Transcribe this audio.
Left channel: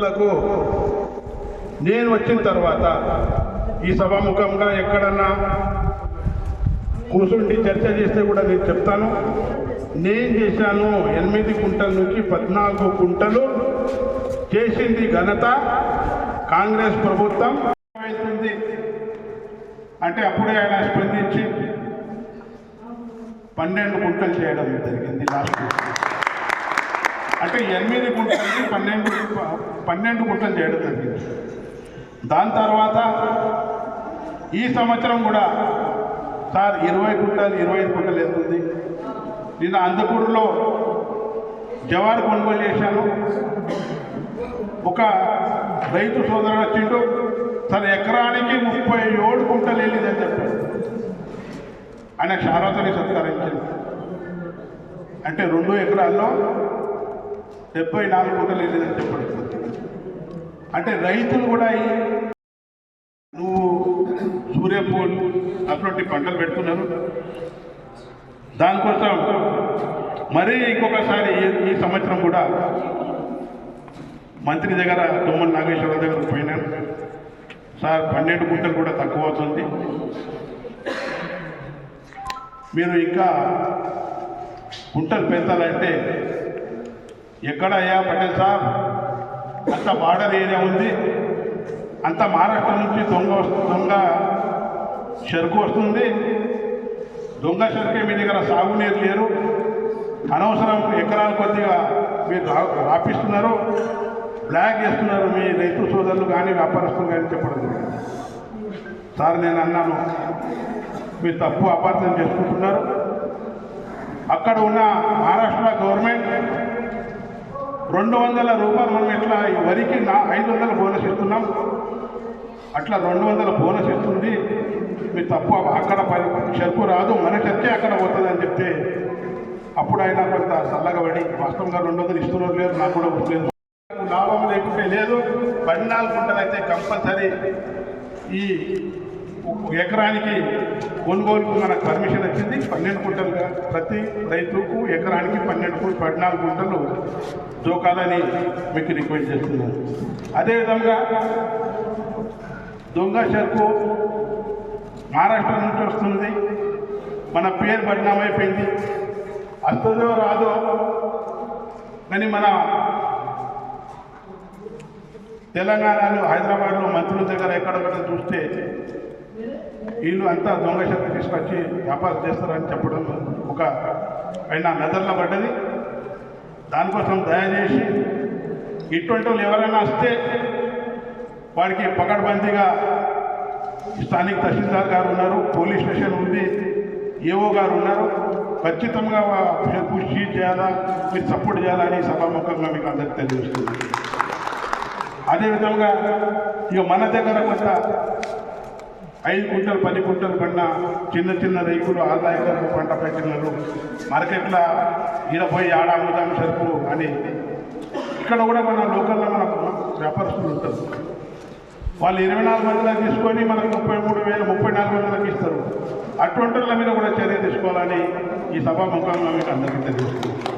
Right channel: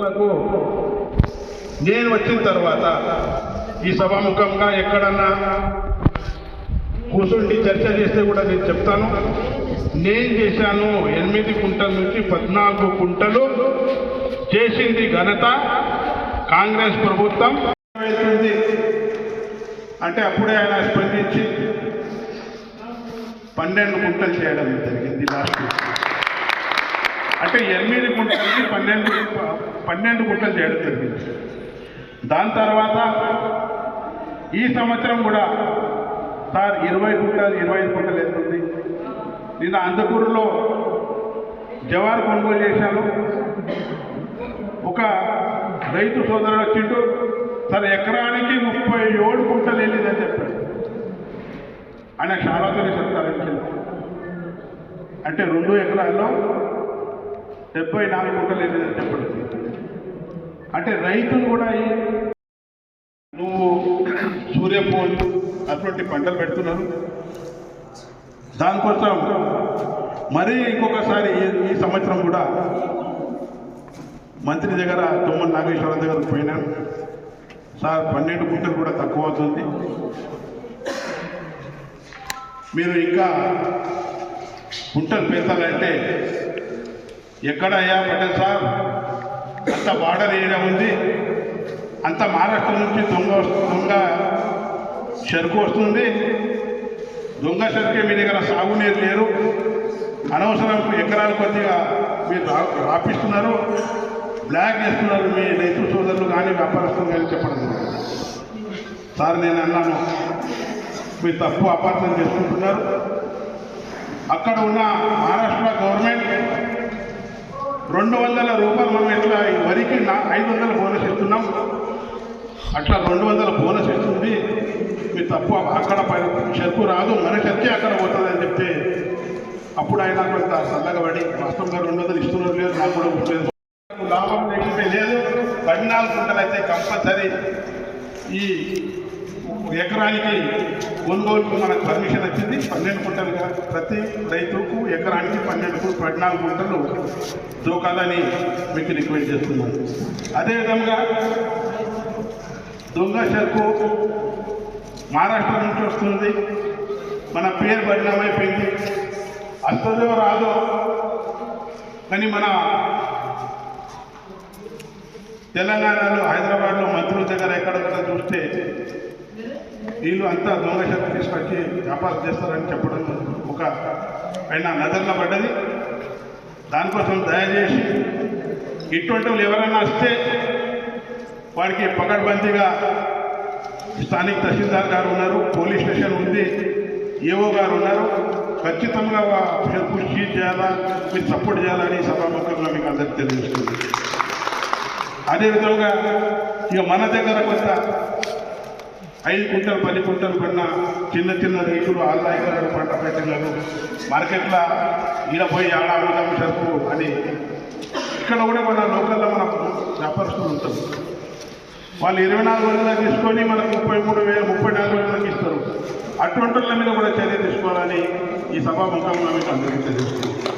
లకు నేను వచ్చిన తర్వాత ఈ సభాముఖంగా ఎక్కడన్నా కూర్చుండి చర్చ చేస్తే కూడా నేను చెప్తాను. నేను చేశాను ఎనిమిది కుంటల నుంచి పద్నాలుగు కుంటలు చేసింది ఘనత కాంగ్రెస్ ప్రభుత్వం. వెళ్తుంది అంటే అప్పుడే ఆయన స్పందించి పన్నెండు కుంటలు చేయడం జరిగింది లాస్ట్ అంటే ఎనిమిది గుంటలకి పన్నెండు పన్నెండు గుంటలు చేయడం జరిగింది. దాని తర్వాత ఈ సంవత్సరం కూడా సార్ ఇరవై గుంటలు ఇరవై ఐదు గుంటలు వెళ్తుంది నేను అందకూరులో జవార్ కొనుగోలు చేశాను. ఒక రైతు సోదరుడు వచ్చిండు. సార్ ఎకరానికి ముప్పై ఏడు గుంటలు వెళ్ళిందని చెప్పాడు. ఆయన క్షారాతో సత్కరించాడు. అంటే రెండు ఎకరాల్లో డెబ్బై నాలుగు గుంటలు వెళ్ళిందని చెప్పాడు. అంటే రైతులు కూడా ఈ నువ్వు సూర్యపూలు అటువంటి పంటలు పెడుతున్నారు. దానికోసం మరీ ఇంకొకసారి ఈ- సంవత్సరం కూడా మంత్రి దగ్గర తుమ్మల నాగేశ్వర దగ్గర పోయినాను సార్ పన్నెండు గుంటలు కూడా తక్కువ అవుతుంది. మీరు ఇంకా గుంటలు పెంచాలంటే ఎక్కడయ్యా పటేల్ సార్ అంత బార్డర్ ఏరియా ఉంది. అంత మహారాష్ట్ర నుంచి దొంగ దొంగ చెరుకు వస్తుంది. దొంగ చెరుకే మీ దగ్గర సాగునీరు లేరు. అనవసరం ఎకరాల కొద్దిగా మీరు రాపిస్తున్నారు. బ్లాక్ చేస్తున్నారు మీ రైతు సోదరులు కానీ వ్యాపారస్తులు కానీ చెప్పడం సార్ నేను అన్నాను మీరు తప్పు అపార్థం చేసుకుంటున్నారు. అక్కడ ఉన్న మహారాష్ట్ర గవర్నమెంట్ రెండు వందల రూపాయలు మనం ఎట్లా ఈ వరికి నా ఐదు వందల బోనస్ ఇస్తున్నాం? అట్లా రెండు వందల బోనస్ ఇస్తుంది. మీరు తప్పు అక్కడ చెరుకు రాదు మన చెరుకే అక్కడ పోతుందని చెప్తే అప్పుడు ఆయన కొంత చల్లగా పడి వాస్తవంగా రెండు వందలు ఇస్తున్నారు లేదు నాకు కూడా గుర్తులేదు. లాభం లేకపోతే లేదు పద్నాలుగు గుంటలు అయితే కంపల్సరీ ఈ ఎకరానికి కొనుగోలుకు మనకు పర్మిషన్ వచ్చింది. పన్నెండు గుంటలుగా ప్రతి రైతుకు ఎకరానికి పన్నెండు పద్నాలుగు గుంటలు దూకాలని మీకు రిక్వెస్ట్ చేస్తున్నాను. అదేవిధంగా దొంగ చెరుకు మహారాష్ట్ర నుంచి వస్తుంది. మన పేరు బదనామైపోయింది. వస్తుందో రాదో కానీ మన తెలంగాణలో హైదరాబాద్లో మంత్రుల దగ్గర ఎక్కడ చూస్తే వీళ్ళు అంతా దొంగ శక్తి తీసుకొచ్చి వ్యాపారం చేస్తారని చెప్పడం ఒక ఆయన నజర్లో పడ్డది. దానికోసం దయచేసి ఇటువంటి వాళ్ళు ఎవరైనా వస్తే వారికి పకడ్బందీగా స్థానిక తహసీల్దార్ గారు ఉన్నారు పోలీస్ స్టేషన్ ఉంది ఏఓ గారు ఉన్నారు. ఖచ్చితంగా వా- కృషి చేయాలా మీరు సపోర్ట్ చేయాలని సభాముఖంగా మీకు అందరికీ తెలియజేస్తుంది అదేవిధంగా ఇక మన దగ్గర కొంత ఐదు కుంటలు పది కుంటలు పడిన చిన్న చిన్న రైతులు ఆదాయకరంగా పంట పెట్టినారు మార్కెట్లో ఇరవై పోయి ఆడ సరుకు అని ఇక్కడ కూడా మన లోకల్లో మనకు వ్యాపారస్తులు ఉంటారు. వాళ్ళు ఇరవై నాలుగు వందలకు తీసుకొని మనకు ముప్పై మూడు వేలు ముప్పై నాలుగు వందలకు ఇస్తారు. అటువంటి వాళ్ళ మీద కూడా చర్య తీసుకోవాలని ఈ సభాముఖంగా మీకు అందరికీ తెలుస్తుంది